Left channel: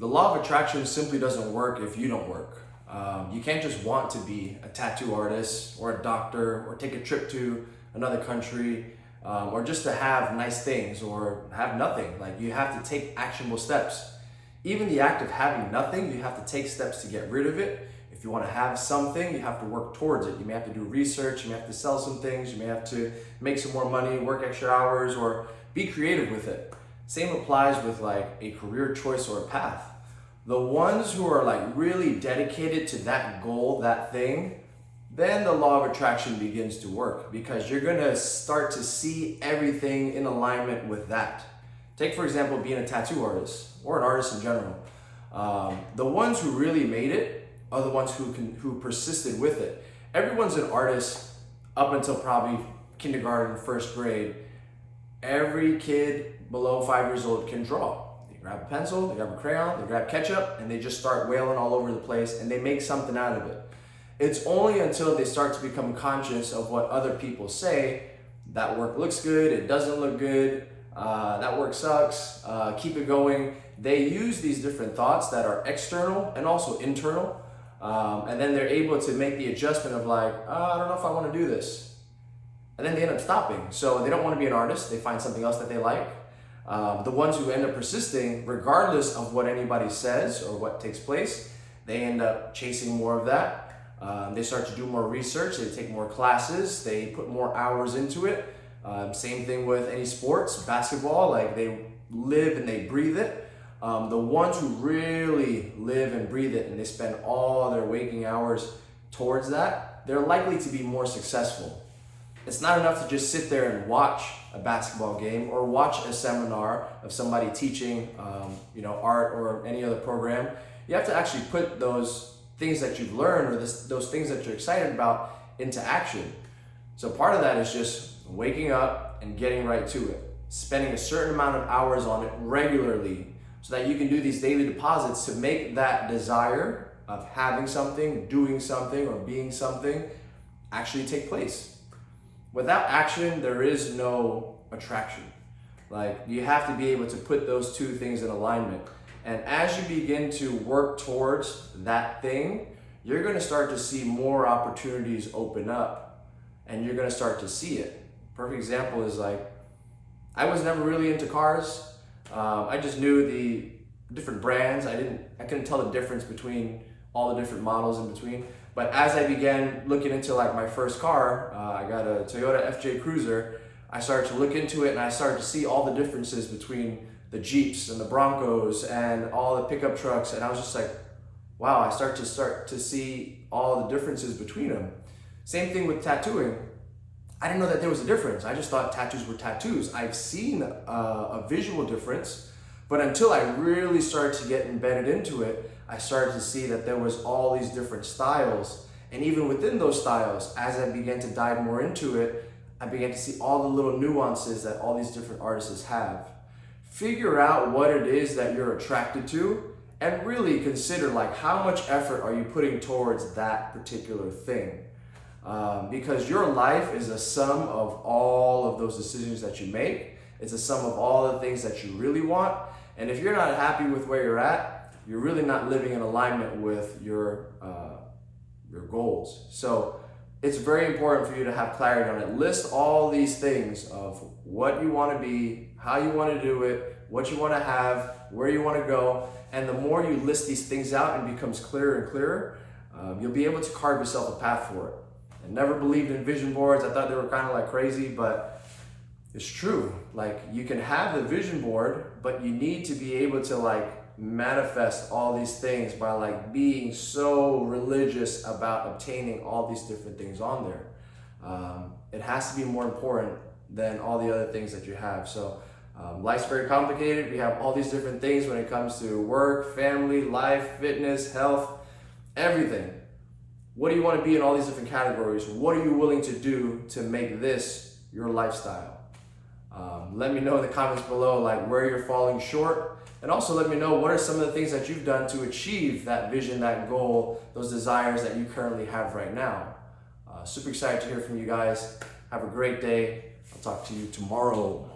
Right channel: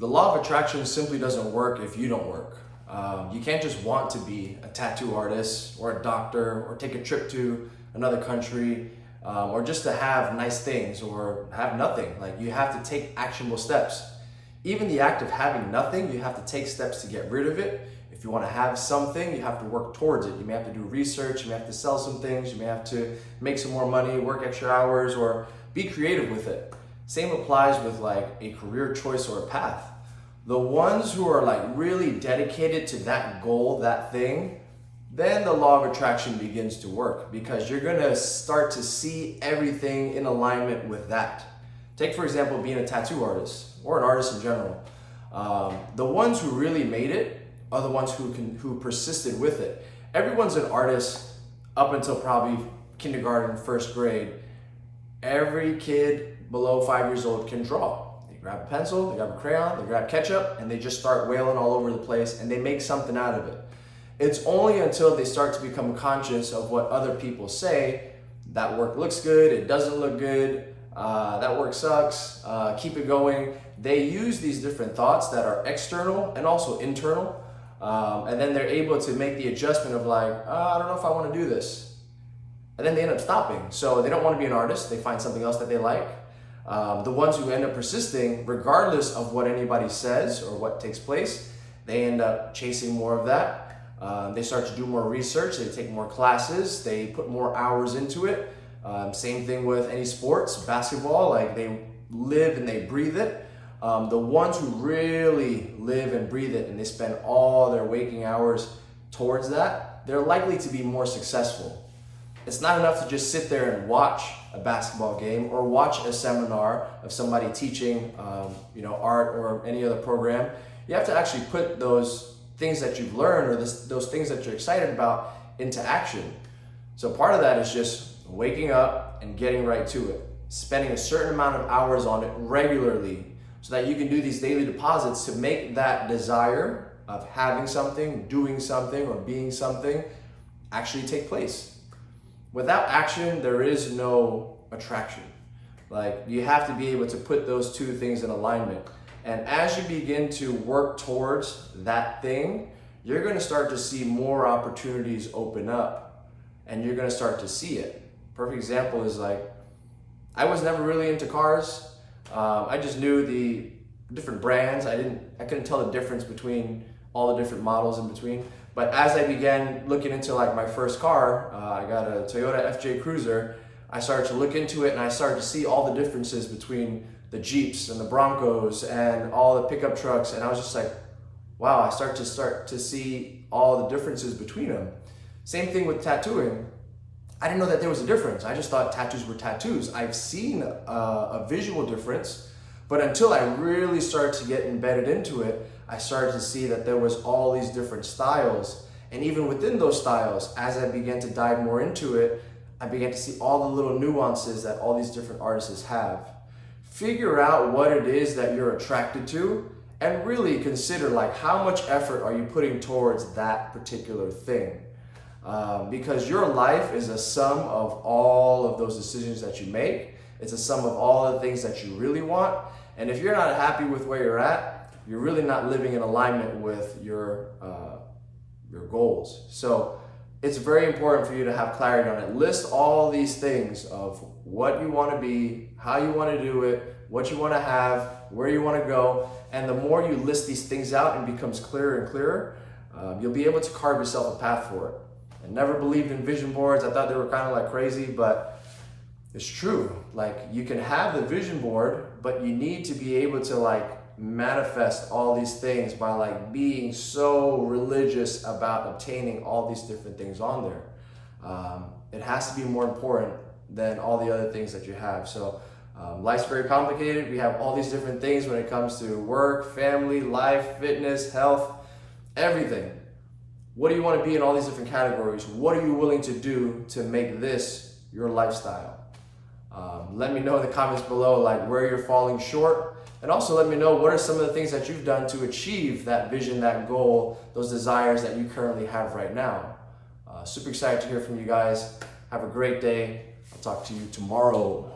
The law of attraction simply doesn't work if you don't work. You can't just want to be a tattoo artist or a doctor or take a trip to another country or just to have nice things or have nothing. Like, you have to take actionable steps. Even the act of having nothing, you have to take steps to get rid of it. If you want to have something, you have to work towards it. You may have to do research, you may have to sell some things, you may have to make some more money, work extra hours, or be creative with it. Same applies with like a career choice or a path. The ones who are like really dedicated to that goal, that thing, then the law of attraction begins to work, because you're gonna start to see everything in alignment with that. Take, for example, being a tattoo artist or an artist in general. The ones who really made it are the ones who persisted with it. Everyone's an artist up until probably kindergarten, first grade. Every kid below 5 years old can draw. They grab a pencil, they grab a crayon, they grab ketchup, and they just start wailing all over the place, and they make something out of it. It's only until they start to become conscious of what other people say, that work looks good, it doesn't look good, that work sucks, keep it going. They use these different thoughts that are external and also internal, and then they're able to make the adjustment of like, I don't know if I want to do this. And then they end up stopping. So they don't want to be an artist, they find something else that they like. The ones who end up persisting, regardless of what anybody says or what takes place, they end up chasing more of that. They start to do more research, they take more classes, they put more hours into it. Same thing with any sports, basketball, like they live and they breathe it. The ones who really live and breathe it and they spend all their waking hours towards that, they're likely to be more successful. It's not enough to just sit there and watch a basketball game or watch a seminar of somebody teaching art or any other program. You have to actually put those things that you've learned or those things that you're excited about into action. So part of that is just waking up and getting right to it, spending a certain amount of hours on it regularly so that you can do these daily deposits to make that desire of having something, doing something, or being something actually take place. Without action, there is no attraction. Like, you have to be able to put those two things in alignment. And as you begin to work towards that thing, you're gonna start to see more opportunities open up and you're gonna start to see it. Perfect example is like, I was never really into cars. I just knew the different brands. I couldn't tell the difference between all the different models in between. But as I began looking into like my first car, I got a Toyota FJ Cruiser. I started to look into it and I started to see all the differences between the Jeeps and the Broncos and all the pickup trucks. And I was just like, wow, I start to see all the differences between them. Same thing with tattooing. I didn't know that there was a difference. I just thought tattoos were tattoos. I've seen a visual difference, but until I really started to get embedded into it, I started to see that there was all these different styles. And even within those styles, as I began to dive more into it, I began to see all the little nuances that all these different artists have. Figure out what it is that you're attracted to and really consider like how much effort are you putting towards that particular thing. Because your life is a sum of all of those decisions that you make. It's a sum of all the things that you really want. And if you're not happy with where you're at, you're really not living in alignment with your goals. So it's very important for you to have clarity on it. List all these things of what you want to be, how you want to do it, what you want to have, where you want to go. And the more you list these things out and becomes clearer and clearer, you'll be able to carve yourself a path for it. I never believed in vision boards. I thought they were kind of like crazy, but it's true. Like, you can have the vision board, but you need to be able to like manifest all these things by like being so religious about obtaining all these different things on there. It has to be more important than all the other things that you have. So life's very complicated. We have all these different things when it comes to work, family, life, fitness, health, everything. What do you want to be in all these different categories? What are you willing to do to make this your lifestyle? Let me know in the comments below like where you're falling short, and also let me know what are some of the things that you've done to achieve that vision, that goal, those desires that you currently have right now. Super excited to hear from you guys. Have a great day. I'll talk to you tomorrow.